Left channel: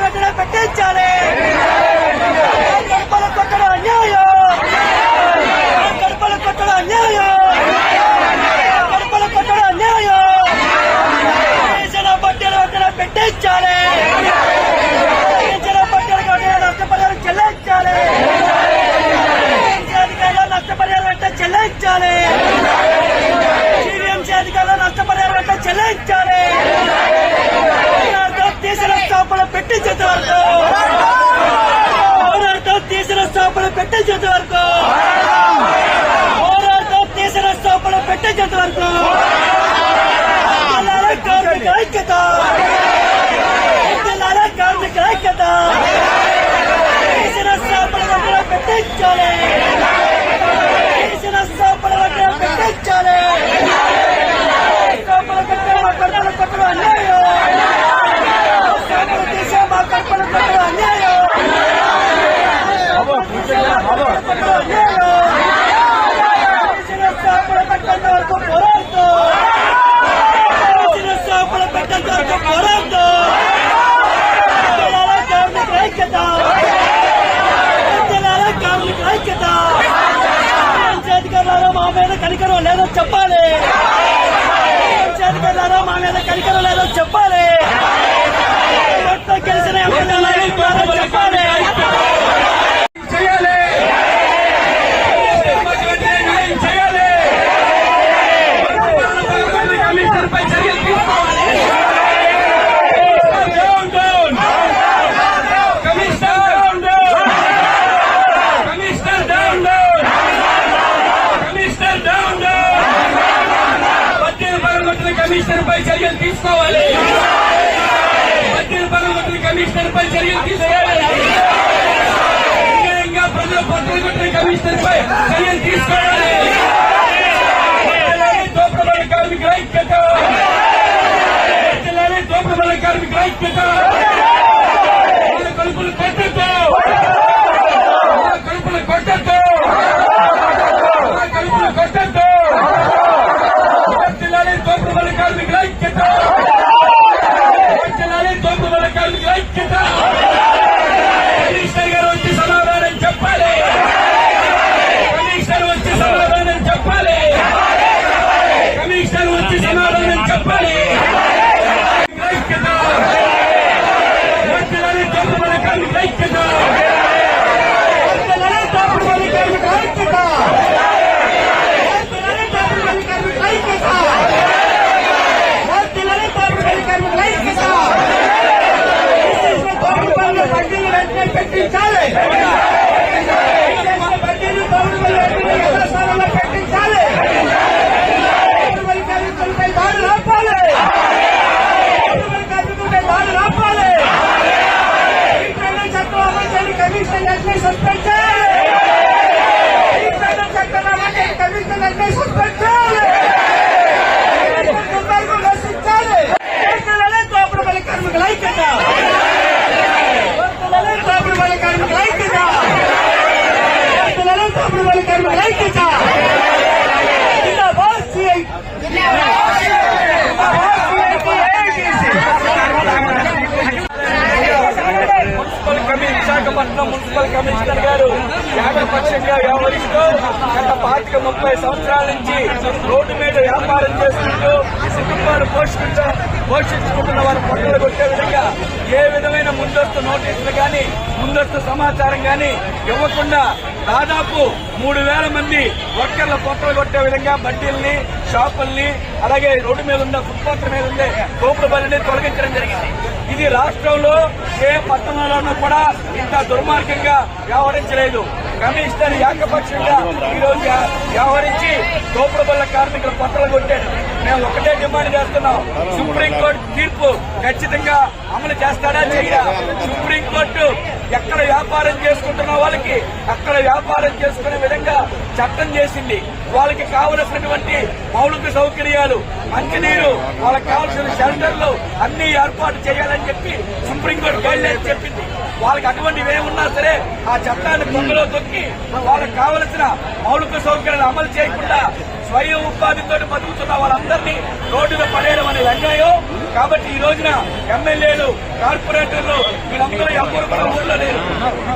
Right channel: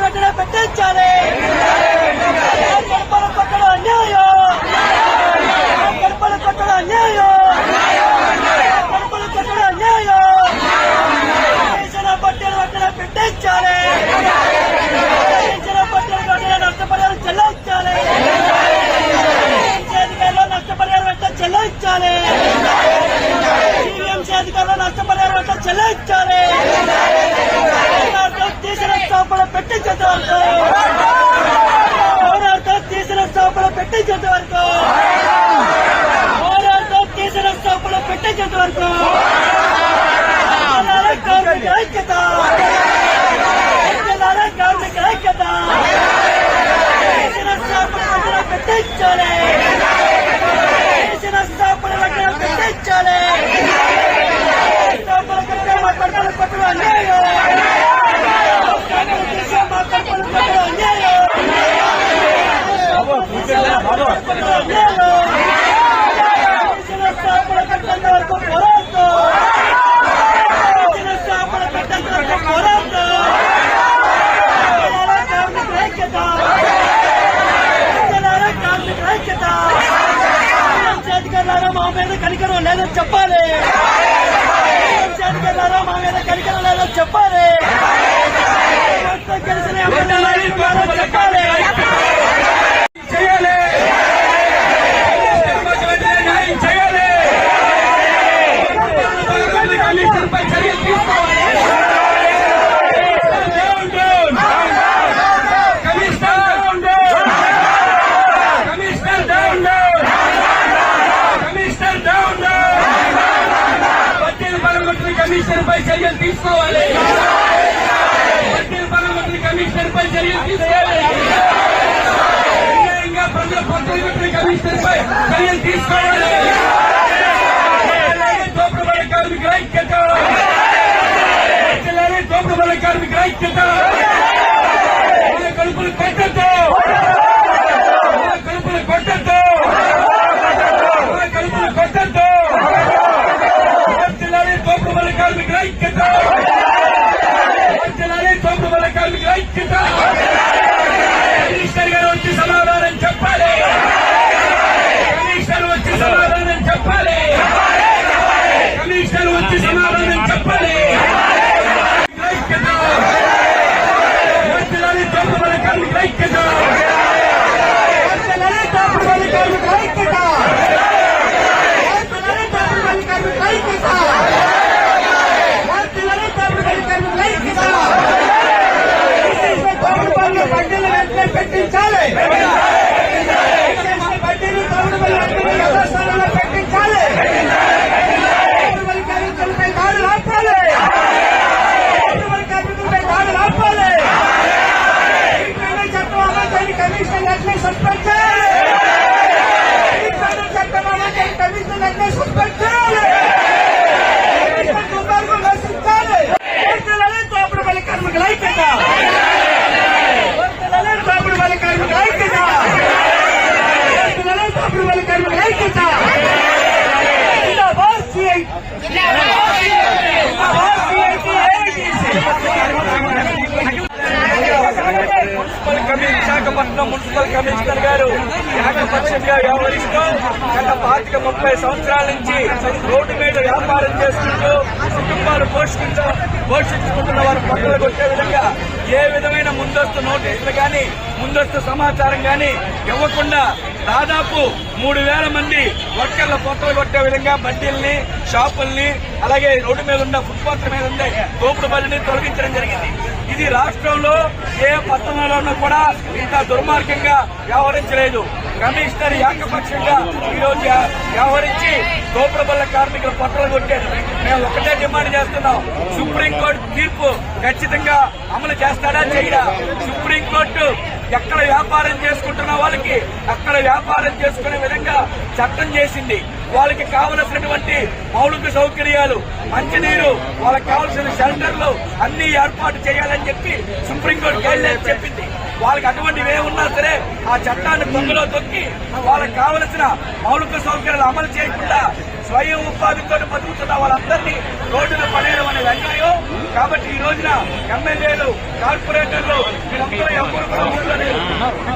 వెంటనే పెట్టించాలి. పెట్టించాలి. నష్టపరిహారం చెల్లించాలి. అధికారులు నష్టపరిహారం వెంట చెల్లించాలి. అధికారులు నష్టపరిహారం వెంట చెల్లించాలి. తీసిన స్థాపన పెట్టించేంత వరకు పోరాటం తీసిన స్థాపన పెట్టించేంత వరకు పోరాటం తీసిన స్థాపన పెట్టించేంత వరకు కార్మిక ఐక్యత కార్మిక ఐక్యత తీసిన స్థాపన పెట్టించాలి. తీసిన స్థాపన పెట్టించాలి. కడుపుల అన్యాయం కనికరం లేదో చెప్పాలి. మా మీద కనికరం లేదో చెప్పాలి. కలిసిన చేయాలి. కమిషనర్ పై చర్యలు తీసుకోవాలి. కమిషనర్ పై చర్యలు తీసుకోవాలి. ప్రజల పట్ల కమిషనర్ పై చర్యలు తీసుకోవాలి. దోపిడీ కార్మికుల ఐక్యత దోపిడీ కార్మికుల ఐక్యత కడుపులు కొట్టద్దు కడుపులు కొట్టద్దు కడుపులు కొట్టద్దు దోపిడీ కార్మికుల ఐక్యత దోపిడీ కార్మికుల ఐక్యత కమిషనర్ గారు వచ్చి సమాధానం చెప్పాలి. కమిషనర్ వచ్చి సమాధానం చెప్పాలి. కమిషనర్ వచ్చి సమాధానం చెప్పాలి. ఐక్యత దోపిడీ కార్మికుల ఐక్యత పెట్టించాలి. బడ్డీని యథాస్థానంలో పెట్టించాలి. కార్మికులపై దాడులు ఆపాలి. కార్మికులపై దాడులు ఆపాలి. చట్టం అమలు చేయని కమిషన్ వెంటనే సస్పెండ్ చేయాలి. చట్టం అమలు చేయని కమిషన్ వెంటనే సస్పెండ్ చేయాలి. దుర్మార్గం నశించాలి. దోపిడీ కార్మికుల ఐక్యత విశాఖపట్నం మున్సిపల్ కమిషనర్ గారు ఏకపక్షంగా వ్యవహరిస్తూ గత 25-30 సంవత్సరాల నుంచి రోడ్డు మీద వ్యాపారం చేసుకుంటూ కుటుంబాలు పోషించుకుంటున్న వారు పొట్టలు కొట్టే విధంగా ఏ విధమైన ముందస్తు నోటీసులు గాని ముందస్తు సమాచారం గాని ఇవ్వకుండా దాదాపు 3000 మంది వర్కర్ల పొట్టలు కొట్టే విధంగా బడ్డీల్ని షాపుల్ని అలాగే రోడ్డు మీద ఉన్న ఫుట్పాత్ల మీద ఉండే తోపుడు బళ్ళని తొలగించడం జరిగింది. ఇది రాష్ట్రంలో ఏ పట్టణంలోనూ కూడా ఇంత దుర్మార్గంగా వ్యవహరించలేదు. కమిషనర్ ఏకపక్షంగా ఈరోజు వ్యవహరించి తోపుడు బళ్ళ కార్మికుల పొట్టలు కొట్టారు. మేము ఒకటే డిమాండ్ చేస్తున్నాం, సుప్రీంకోర్టు తీర్పు ఖచ్చితంగా అమలు చేస్తాడా చేయడా? సుప్రీంకోర్టు ఎక్కడ వ్యాపారం చేసుకుంటున్న వాళ్ళకి అక్కడ వ్యాపారం చేసుకునే విధంగా చట్టం చేసింది. వాళ్ళకి కావలసినటువంటి మౌలిక సౌకర్యాలు, మంచినీరు, వాళ్ళకి కావలసిన షెల్టర్లు అన్ని ఏర్పాటు చేయాలని చెప్పి సుప్రీంకోర్టు గైడ్లైన్స్ చెప్పింది. వాళ్ళకి అటువంటివి ఏమున్నా సరే ఆ చట్టాన్ని పొంగలో తొక్కి వాళ్ళకి కావలసిన మౌలిక సౌకర్యాలు అమలు చేయకుండా స్వయం ఉపాధితో బతుకుతున్న వాళ్ళందరినీ రోడ్డులో పడేయడం అనేది అన్యాయం. కాబట్టి ఈ రోజున ఎమ్మెల్యేలు, కార్పొరేటర్లు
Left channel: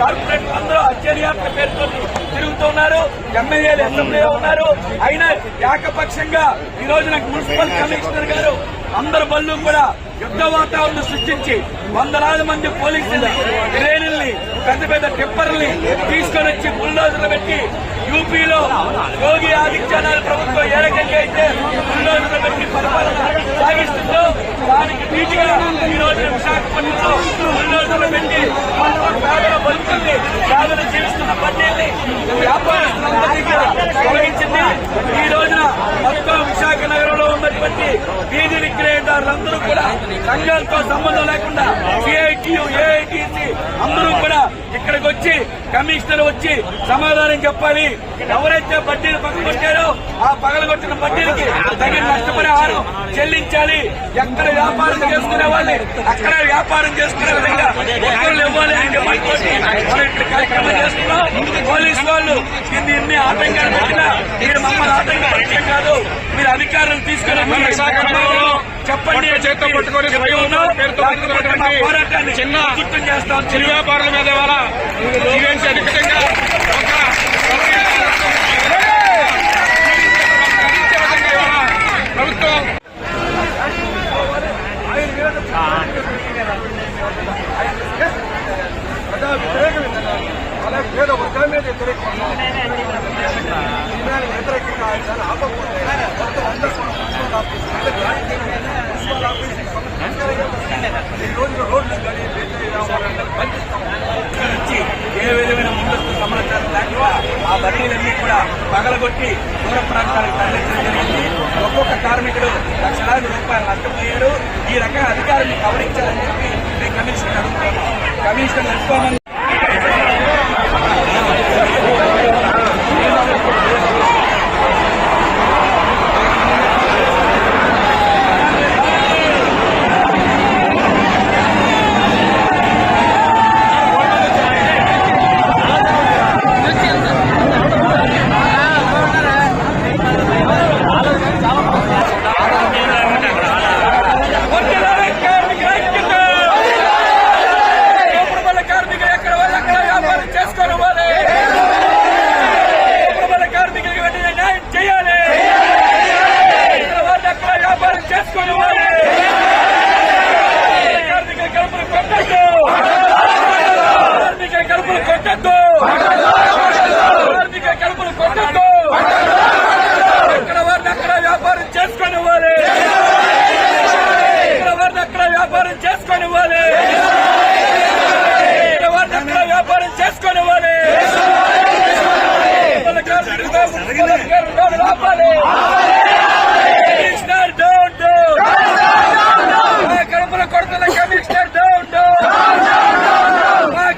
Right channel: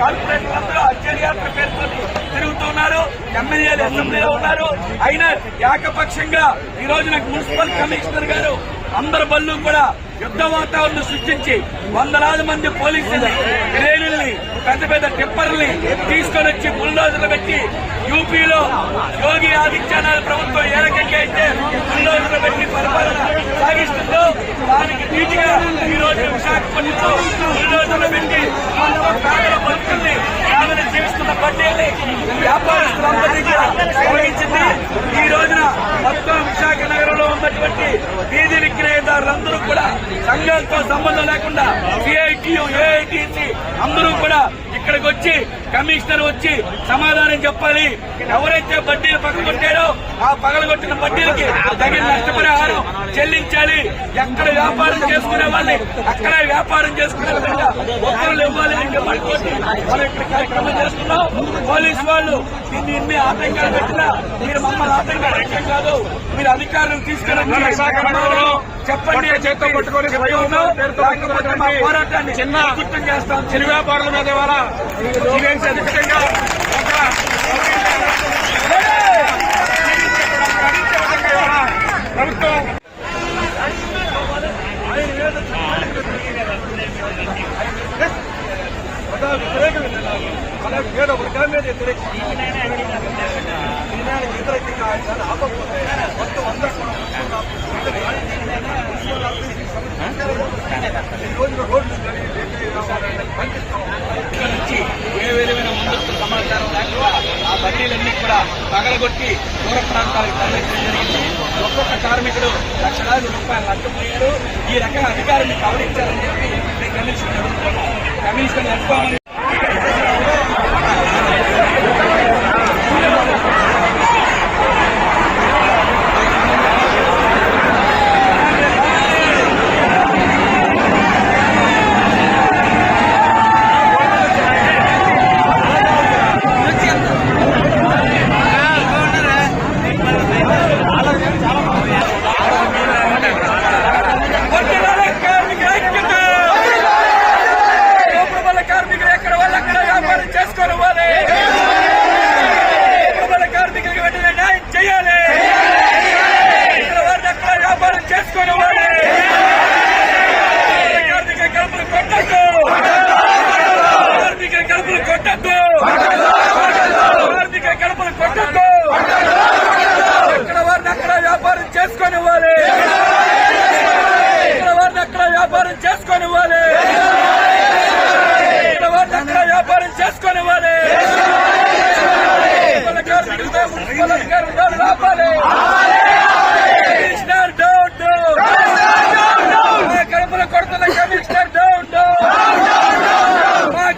కార్పొరేటర్లందరూ అత్యధికారుల పేరుతో తిరుగుతున్నారు. ఎమ్మెల్యేలు అసెంబ్లీలో ఉన్నారు. అయినా ఏకపక్షంగా ఈ రోజున మున్సిపల్ కమిషనర్ గారు అందరి బళ్ళు కూడా యుద్ధ వాతావరణం సృష్టించి వందలాది మంది పోలీసుల్ని, క్రేనుల్ని, పెద్ద పెద్ద టిప్పర్ల్ని తీసుకొని వచ్చి బుల్డోజర్లు పెట్టి యూపీలో యోగి ఆదిత్యనాథ్ ప్రభుత్వం ఏ రకంగా అయితే బుల్డోజర్లు పెట్టి పరిపాలన సాగిస్తుందో దానికి నీటిగా బుల్డోజర్లు పెట్టి పేదల బంధుల్ని, పేదలు జీవిస్తున్న బడ్డీల్ని, వ్యాపారస్తులందరినీ కూడా తొలగించింది. ఈ రోజున మొత్తం విశాఖ నగరంలో ఉన్నటువంటి వీధి విక్రయదారులందరూ కూడా సంఘాలతో సంబంధం లేకుండా సిఐటియు, ఏఐటిసి అందరూ కూడా ఇక్కడికి వచ్చి కమిషనర్ వచ్చి సమాధానం చెప్పాలి. ఎవరైతే బడ్డీలు పగలగొట్టారో ఆ పగలగొట్టిన బడ్డీలకి తగిన నష్టపరిహారం చెల్లించాలి. ఎక్కడ వ్యాపారం చేసుకునే వాళ్ళని అక్కడ వ్యాపారం చేసుకునే విధంగా ఒక్కరు ఇవ్వాలి అని డిమాండ్తోటి మనం ఇక్కడ కార్యక్రమం చేస్తున్నాం. పోలీసు వాళ్ళు ఇన్ని ఆటంకాలు పెట్టినా మీరు మమ్మల్ని ఆటంకపరచడం కాదు, మీరు అధికారులు తీసుకుని చెప్పండి. పోరాటాన్ని చిత్తం చేస్తాం. చిరు వ్యాపారుల మీద ప్రభుత్వం ఏ విధమైన ముందస్తు సమాచారం లేకుండా ఆ బడ్డీలన్నీ కూడా పగలగొట్టి దూర ప్రాంతాలకు తరలించడం జరిగింది. ఒక్కొక్క కార్మికుడు లక్షలాది రూపాయలు నష్టపోయాడు. ఈ రకంగా అధికారులను గమనించాలని చెప్పి కమిషన్ అడుగుతున్నాం. కమిషన్ నడుచుకోమని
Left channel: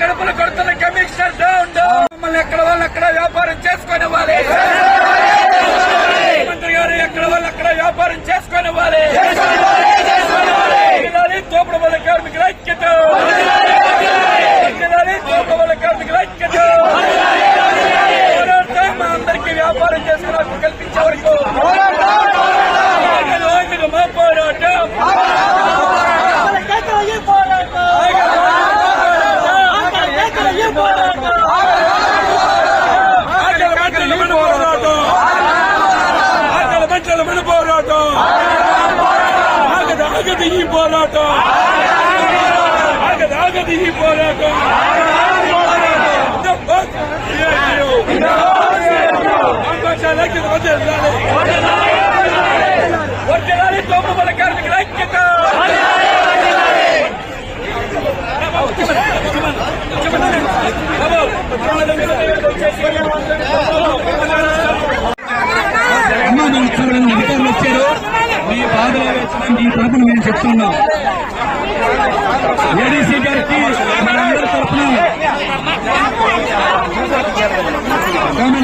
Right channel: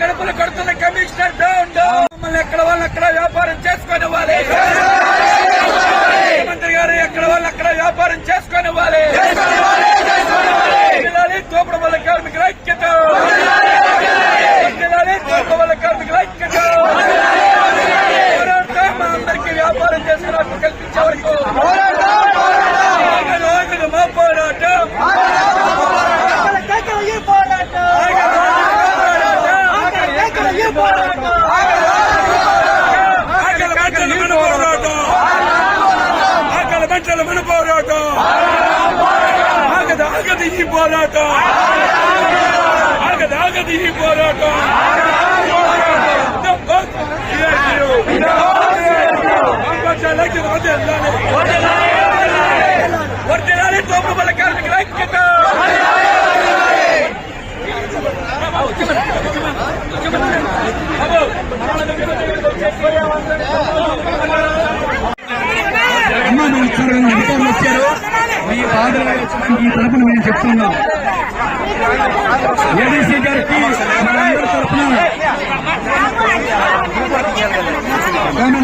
కడుపులు కొడుతున్న కమిషనర్ డౌన్. మమ్మల్ని ఎక్కడ వాళ్ళు అక్కడ వ్యాపారం చేసుకునివ్వాలి. ముఖ్యమంత్రి గారు ఎక్కడ వాళ్ళు అక్కడ వ్యాపారం చేసుకునివ్వాలి. తోపుడు వల్ల కార్మికుల ఐక్యత, తోపుడు వల్ల కార్మికుల ఐక్యత. మా అందరికీ వ్యాపారం చేసుకునే కల్పించే వరకు మా పోరాటం బట్టల మీద పోరాటం ఆగది ఈ పోరాటం ఆగది ఈ పోరాటం. తోపు బల కార్మికుల ఐక్యత. అమ్మా నేను అధికారులు వచ్చారు, మీ బాధలు వచ్చిన ఈ తరపున మేము చెప్తున్నాం. ఏడీసీ గారికి మనందరి తరఫున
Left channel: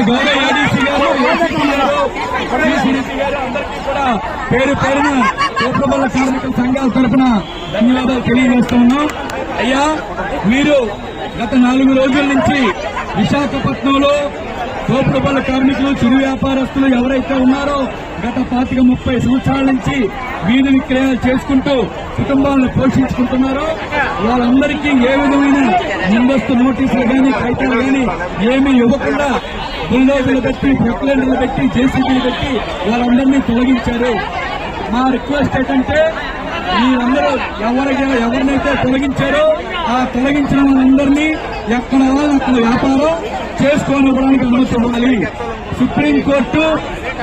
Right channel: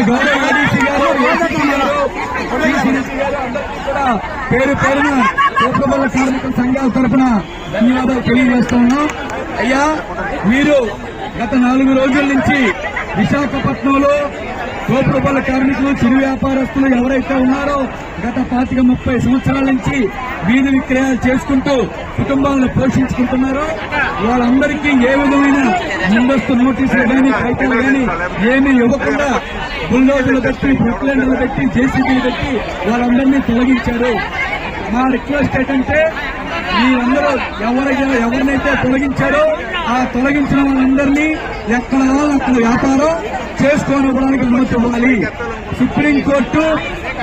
గౌరవ ఏడీసీ గారు, ఏసీపీ గారు, అందరికీ కూడా పేరు పేరున తోపుడుబళ్ళ కార్మికుల సంఘాల తరఫున ధన్యవాదాలు తెలియజేస్తూ ఉన్నాం. అయ్యా, మీరు గత 4 రోజుల నుంచి విశాఖపట్నంలో తోపుడు పనుల కార్మికులు, చిరు వ్యాపారస్తులు ఎవరైతే ఉన్నారో గత 25-30 సంవత్సరాల నుంచి వీధి విక్రయాలు చేసుకుంటూ కుటుంబాలను పోషించుకుంటున్నారో వాళ్ళందరికీ ఏ విధమైన ముందస్తు నోటీసులు కానీ కాగితాలు కానీ ఏమీ ఇవ్వకుండా బుల్డోజర్లు పెట్టి, ప్రొక్లైన్లు పెట్టి, జేసీబీలు పెట్టి వాళ్ళందరినీ తొలగించారు. మా రిక్వెస్ట్ ఏంటంటే మీరందరూ ఎవరినైతే తొలగించారో ఆ తొలగించిన వాళ్ళందరినీ ఎక్కడ వాళ్ళు అక్కడ వ్యాపారం చేసుకోవడానికి అనుమతి ఇవ్వాలి. సుప్రీంకోర్టు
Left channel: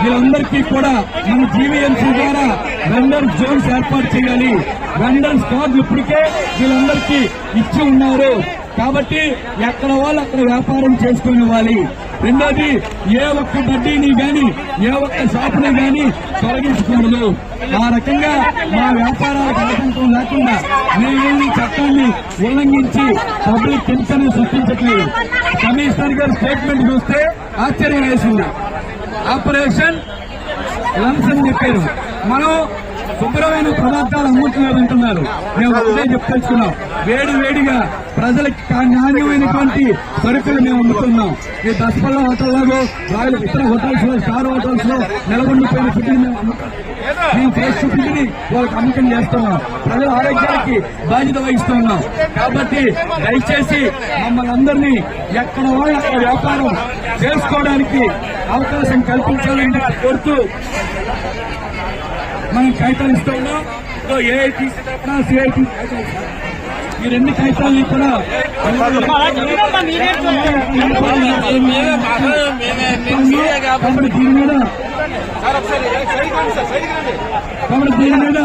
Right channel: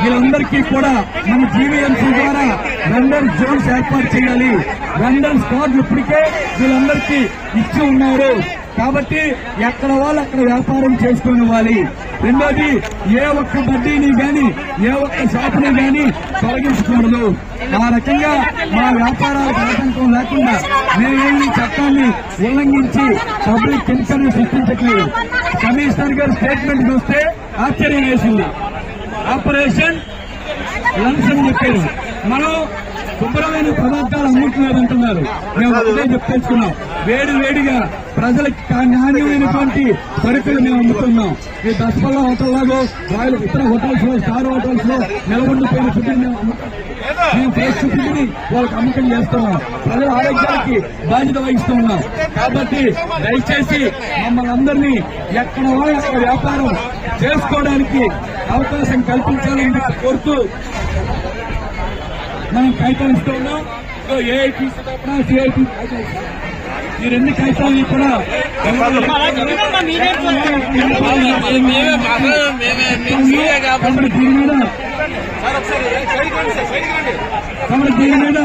వీళ్ళందరికీ కూడా మన జీవీఎంసీ ద్వారా వెండర్ జోన్స్ ఏర్పాటు చేయాలి. వెండర్ స్కాడ్ ఇప్పటికే వీళ్ళందరికీ ఇచ్చి ఉన్నారు కాబట్టి ఎక్కడ వాళ్ళు అక్కడ వ్యాపారం చేసుకోనివ్వాలి. రెండోది, ఏ ఒక్క బడ్డీని గాని ఏ ఒక్క షాపుని గాని తొలగించకూడదు. ఆ రకంగా మా వ్యాపారాలకు ఆటంకం లేకుండా మేము ఈ చట్టాన్ని ఉల్లంఘించి పబ్లిక్ టెన్షన్ సృష్టించట్లేదు. కమిషనర్ గారు స్టేట్మెంట్ చూస్తే ఆశ్చర్యం వేసింది. ఆపరేషన్ లంచ్ అని చెప్పారు. మనం శుభ్రమైన పదార్థాలు అమ్ముతున్నారంటున్నారు. మేము ఒకటే చెప్తున్నాం, వేడిగా ప్రజలకు నాణ్యమైనటువంటి సరుకులు మేము అమ్ముతున్నాం. ఈ దస్పల్ల హోటల్లాగో ఇతర హోటల్స్ లో, స్టార్ హోటల్స్ లో నిలబడిపోయిన ఫుడ్ని మేము ఫ్రెష్ ఫుడ్ని వాళ్ళకి అమ్మకం చేస్తున్నాం. ప్రజల ఆరోగ్యానికి బాధ్యత వహిస్తున్నాం. కాబట్టి దయచేసి మమ్మల్ని అందరినీ ఎక్కడ వాళ్ళు అక్కడ వ్యాపారం చేసుకోవడానికి అవకాశం కల్పించాలని కోరుతూ మనం కాగితాలు ఇస్తూ ఉన్నాం. ఏఐటీసీ తరఫున సిఐటీ ఈ రెండు కాగితాలు కూడా దీని మీద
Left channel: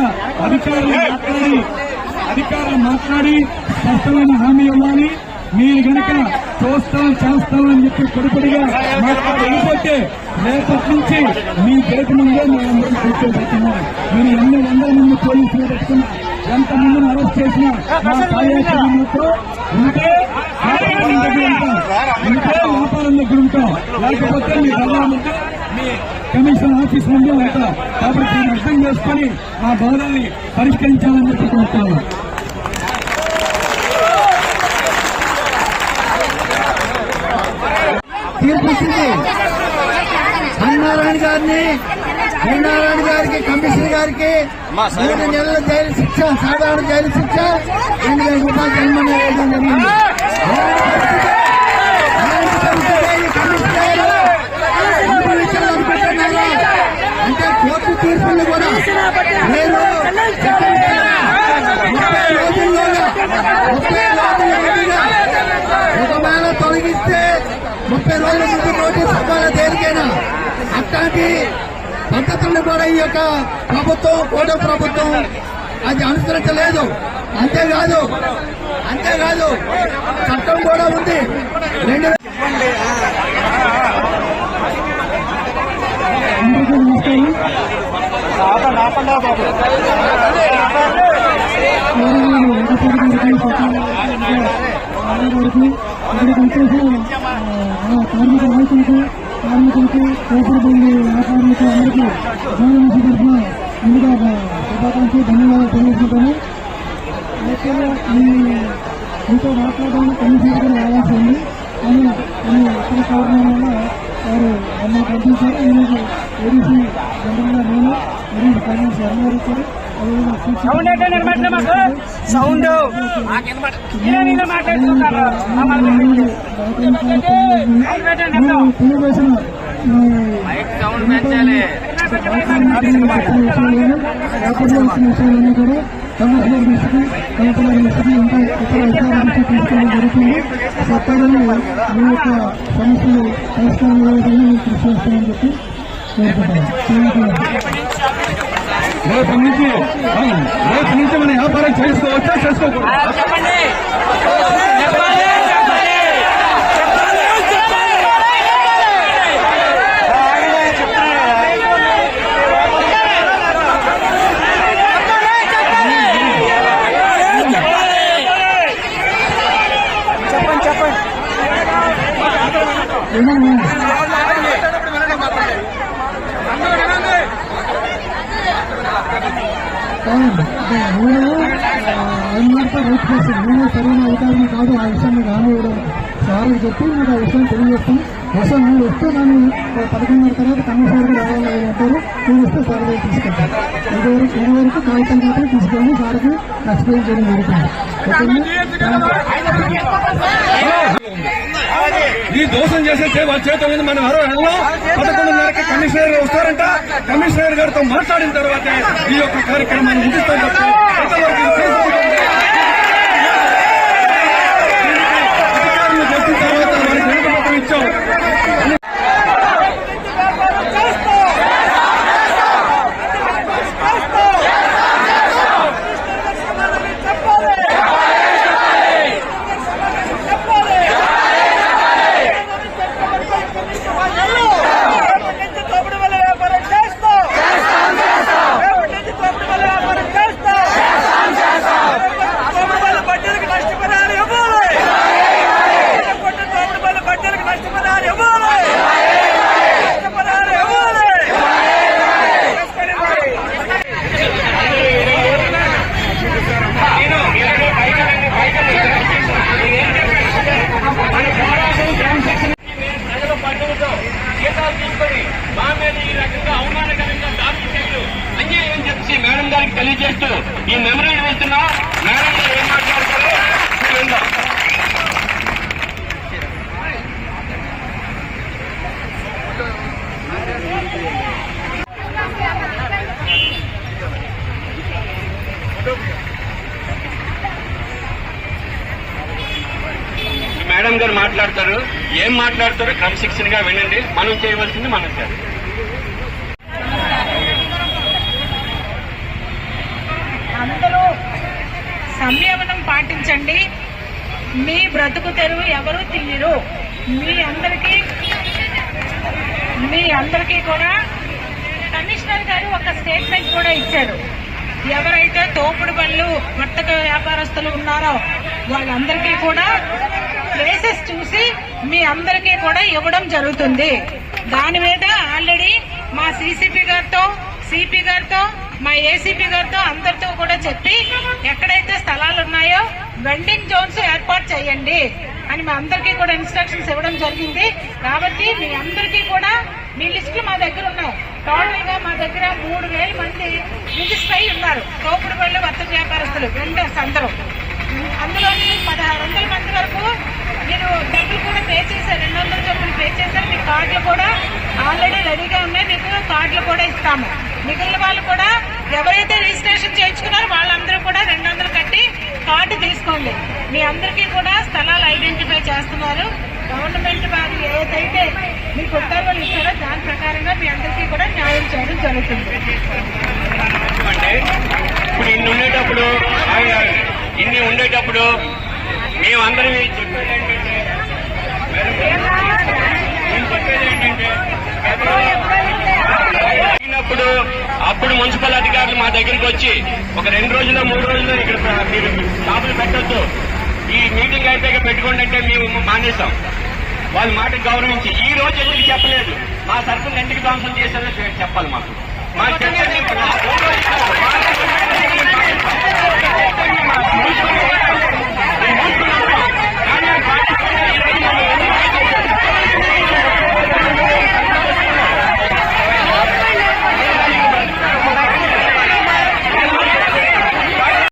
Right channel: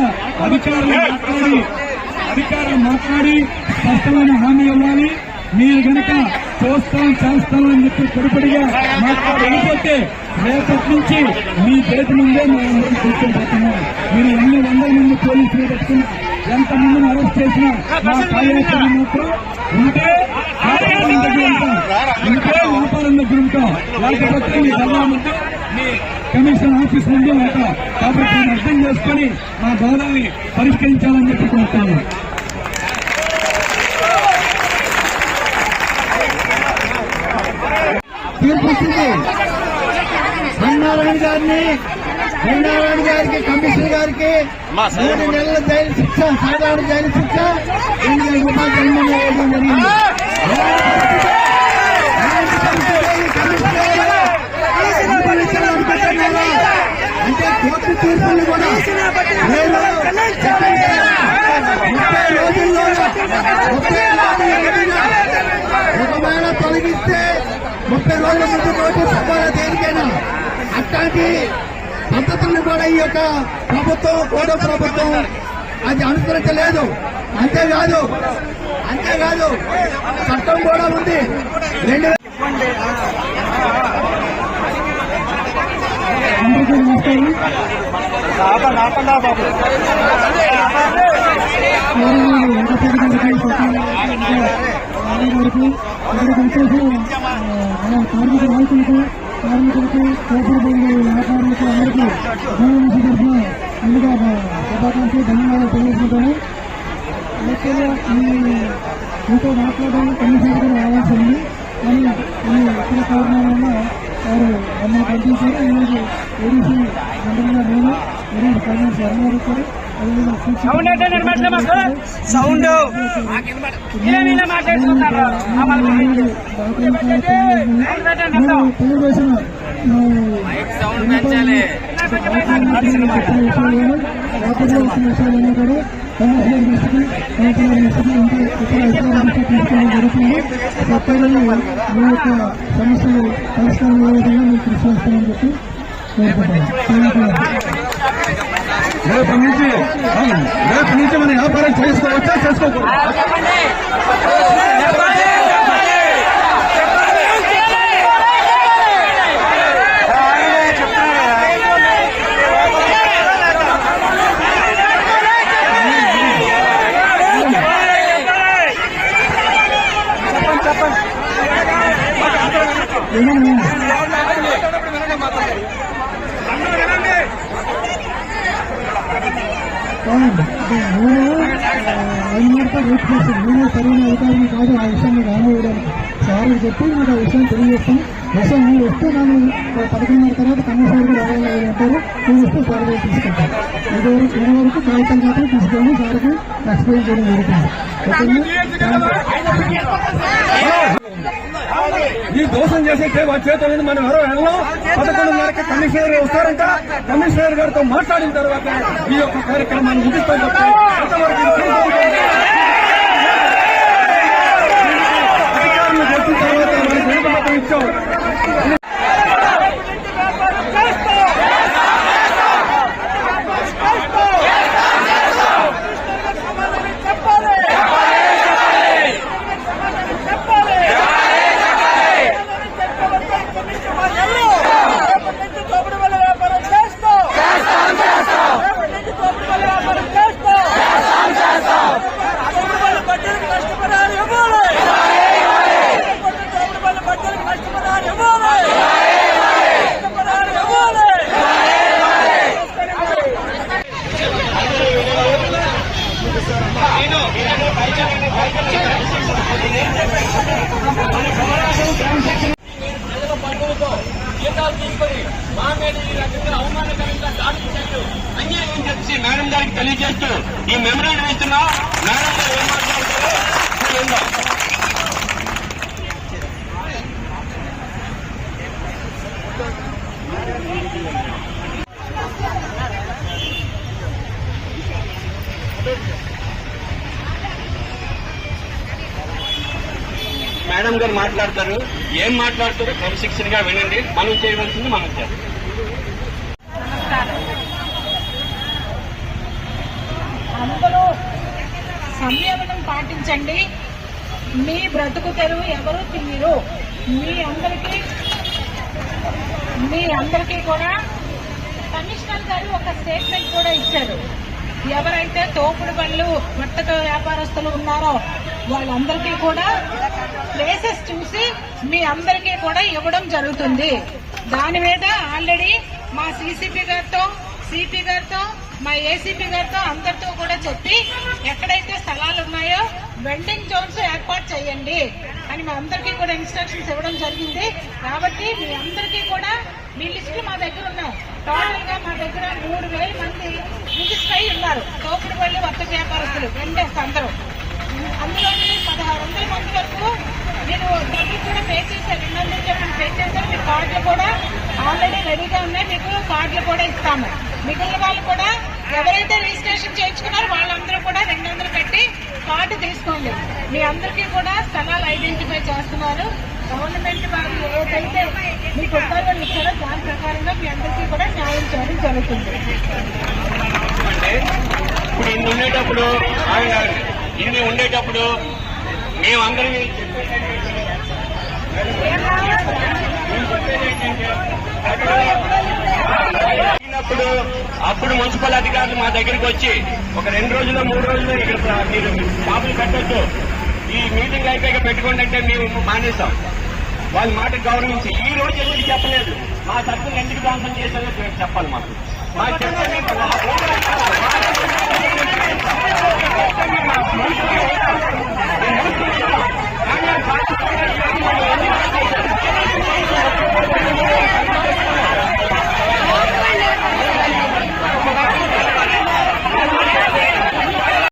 అధికారులు మాట్లాడి స్పష్టమైన హామీ ఇవ్వాలి. మీరు కనుక చేస్తామని చెప్పి పొడిపడిగా మాట్లాడకపోతే రేపటి నుంచి మీ పేరు ముందే మేమందరం కూర్చోబెడుతున్నాం. మీరు ఎన్ని 100 మంది పోలీసులు పెట్టుకున్నా, ఎంత మందిని అరెస్ట్ చేసినా మా కార్యాచరణతో ఉంటే వ్యాపారం దగ్గర ఉంటాం. లేకపోతే మీ జిల్లా ముందు, మీ కమిషన్ ఆఫీస్ ముందే ఉంటాం. కాబట్టి మీరు అర్థం చేసుకుని మా బాధల్ని పరిష్కరించాలని చెప్పి కోరుతున్నాను. తీర్పిచ్చింది హరినారాయణ గారికి, కమిషనర్ గారికి 3 నెలల జైలు శిక్ష, సాధారణ జైలు శిక్ష, 2,000 రూపాయలు జరిమానా వేయడం జరిగింది. అనుకుంటున్నారా అంటే కోర్టు తీర్పులు కూడా మీరు 30 రోజుల్లోగా ఒకవేళ తొలగిస్తే 30 రోజుల ముందు నోటీస్ ఇవ్వాలి దేనికైనా. అట్లాంటి పద్ధతుల్ని కూడా ఈ యొక్క ప్రభుత్వం, కోట ప్రభుత్వం అది అనుసరించలేదు. అంతేకాదు చట్టం కూడా ఉంది. 2000 కార్మికులకు తోపుడు బంధు వ్యాపారులకు అందరికీ జీవనశి తరఫున ముందుగా శుభాకాంక్షలు, ధన్యవాదాలు తెలియజేసుకుంటాను. యాక్చువల్గా మీతో మాట్లాడడానికి కమిషనర్ గారు రావాల్సి ఉంది. కానీ కొన్ని ఇతర కారణాల వల్ల వారు మమ్మల్ని పంపించారు. ఈరోజు ఏడీసీ జనరల్గా నేను మరియు ఫైనాన్స్ వర్మ వచ్చారు. అదేవిధంగా తెలియజేసిన వ్యాపారంలో వచ్చిన విషయాలన్నీ కూడా కమిషనర్ దృష్టికి, కలెక్టర్ దృష్టికి, ఇంకా ఇతర అధికారుల దృష్టికి తీసుకోవడం జరుగుతుంది. తప్పదని మీ యొక్క సమస్యలు పరిష్కారం విధంగా మీకు కృషి చేస్తామని చెప్పి రేపు నుంచి మనం వ్యాపారం చేసుకోవచ్చా, చేసుకోకూడదు? నేను ఐదున్నరతో రైతు చేసి నేను సరైన అధికారిని కాదు, ఆ విషయాన్ని రానివ్వడం సార్లు చెప్పి మీకు ఆ విషయం తెలియజేస్తాను. అసలు నువ్వు వస్తే నన్ను 11:30 తర్వాత కమిషనర్ గారు ఎవరు ఉంటారు, నువ్వు వస్తే సర్వే తీసుకుంటాను. ఇదివరకు కాగితాలు మాత్రం తీసుకొని సార్కి ఎక్స్ప్లెయిన్ చేయడం జరుగుతుంది. ఈ దోషం చేసేస్తే వాళ్ళ చేతుల మీద మనం ఎవరో వెళ్ళాం. 11:30కి కమిషనర్ వస్తారంట. కమిషనర్ గారితో మాట్లాడిన తర్వాత ఈ యొక్క కార్యక్రమాన్ని ముగిస్తాం తప్ప ఎంతవరకు ఇది అధికారులు వచ్చిన తర్వాత వాళ్ళకి వెనుకబట్టం ఇచ్చాం. ప్రజల పద్ధతితో జీతాలు తీసుకొని మా మీద ఈ రకంగా అవమానకరంగా దాడులు చేయడం అన్యాయం చెప్పి మేడం గారికి తెలియజేస్తూ ఈ మెమరీలు ఇస్తున్నా మేడం గారు ఏం మాట్లాడతారో చూద్దాం. మేడం గారు మాట్లాడతారు, ఏం మాట్లాడతారో క్రమశిక్షణగా వినండి. మనం చేయవలసింది మనం చేయాలి. అందరూ సంయమనం పాటించండి. మీ బ్రతుకు తెరువు ఎవరు తీయరు. మీ అందరికీ కూడా కమిషనర్ గారు ఒక స్టేట్మెంట్ కూడా ఇచ్చారు. ఎవరైతే తోపుడు బళ్ళు వర్తక వ్యాపారస్తులు ఉన్నారో వాళ్ళందరికీ కూడా ప్లేసెస్ చూసి మీ అందరికీ కూడా ఇవ్వడం జరుగుతుంది. దాని మీద ఆల్రెడీ మా సీసీపీ గారితో, సిపి గారితో, మా ఏసీపీ గారితో అందరితో కూడా చెప్పి ఎక్కడైతే స్థలాలు ఉన్నాయో వెండింగ్ జోన్స్ ఏర్పాటు చేయండి అని మా అందరికీ కూడా ఇన్స్ట్రక్షన్స్ ఇవ్వడం జరిగింది. కాబట్టి మీ అందరికీ కూడా మీ లిస్టులు మా దగ్గర ఉన్నాయి. టోటల్ గా మా దగ్గర 3,000 మంది రిజిస్టర్ అయి ఉన్నారు. తోపుడు బండ్లు వర్తక వ్యాపారస్తులు వెండర్స్ అందరూ. అందులో 1,600 మంది వరకు మీరు డబ్బులు కూడా పే చేశారు. 200 డబ్బులు పే చేశారు. మీ కార్డులు కూడా ఆల్రెడీ రెడీగా ఉన్నాయి. మీకు కార్డులు కూడా ఇస్తాము. మిగిలిన వాళ్ళు కూడా ఎవరైతే రిజిస్ట్రేషన్ చేయించుకున్నారో వాళ్ళందరూ కూడా 200 కట్టి కార్డు తీసుకోండి. మీ అందరికీ కూడా స్థలాలు ఐడెంటిఫై చేస్తున్నారు. గవర్నమెంట్ వారు ఏదైతే మీకు ఉత్తర్వులు ఇచ్చారో దాని ప్రకారంగా మీ అందరికీ కూడా న్యాయం చేయడం జరుగుతుంది. ఇప్పుడు ఇన్ని ఉండేటప్పుడు మేమందరం చెప్పేది ఏంటంటే అప్పుడు మున్సిపల్ అధికారులు మా దగ్గరికి వచ్చి ఒక 2 రోజులు 3 రోజులు ఇక్కడ మీరు షాపులు పెట్టొద్దు, ఈ మీటింగ్ అయిపోయాక పెట్టుకోండి అంటే మేము మానేశాం. వాళ్ళ మాటకు గౌరవించి ఈ రోజు ఎందుకు చెప్పలేదు, మా సరుకులు ఎందుకు ధ్వంసం చేశారో చెప్పాలి. మాకు